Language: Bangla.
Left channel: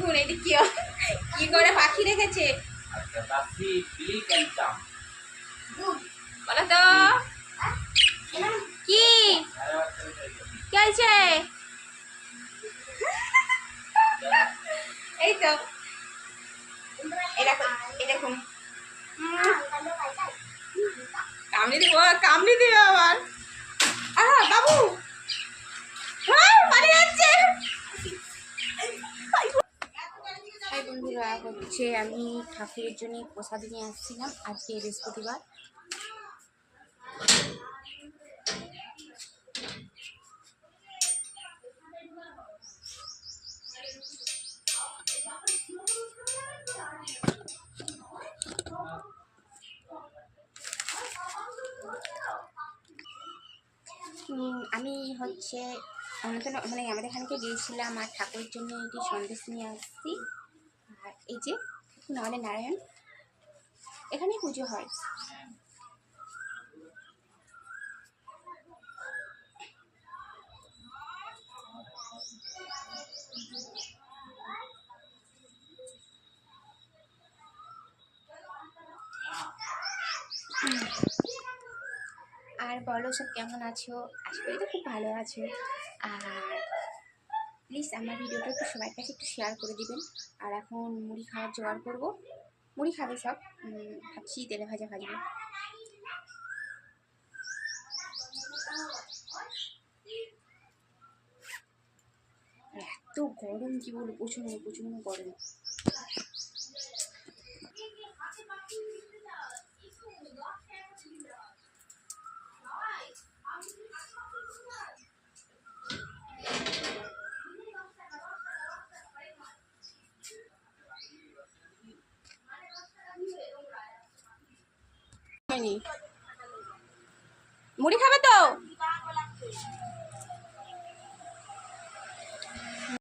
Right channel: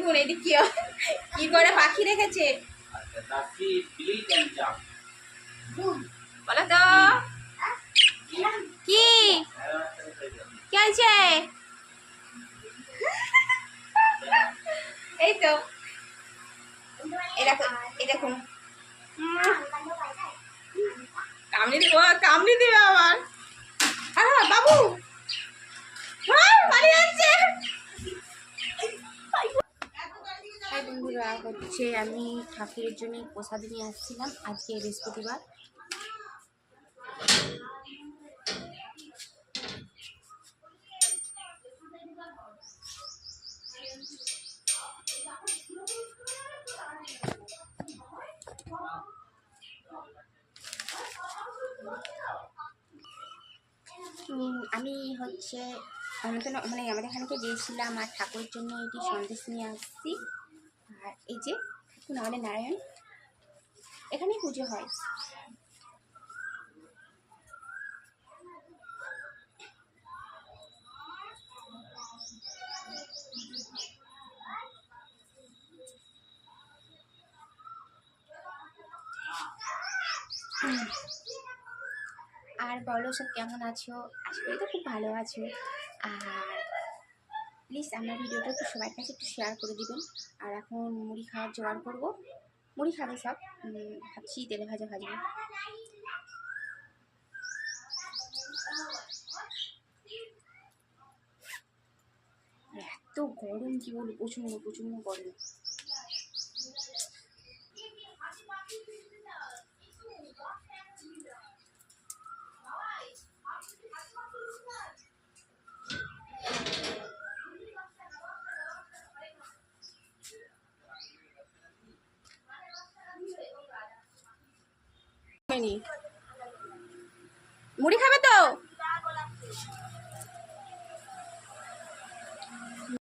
দেখুন এটি কি করে পাখি রেখেছে বলো তো কি চলছে। এই তো এই দেখুন কামড়ি দিবে আবার। বাবু পালিয়ে যাচ্ছে। হাই বন্ধুরা, হচ্ছে আমি ঠাকুরের জন্য প্রসাদ নিয়ে আসছিলাম। আজকে বৃহস্পতিবার। আমি হচ্ছে মানে আমাদের এখানকে গিয়েছিলাম আর ঠাকুরের জন্য এটি সন্দেশ নিয়ে আসছি। আর এই যে দেখুন আমাদের নারায়ণ, এখানেই পুজো হয়। আর বলো সব কেমন আছো? আশা করি তো খুব ভালো আছো। আর প্লিজ আমার ভিডিওটা একটু সবার কাছে একটু শেয়ার করে দিবেন। আর এখন মুড়ি খাওয়ার জোগাড় করবো। মুড়ি খাবে সব, ভাবছি তেলে ভাজা ভাজবো। এত গরম কি বলবো, প্রচন্ড প্রচন্ড গরম। মুড়ি খাবে তো?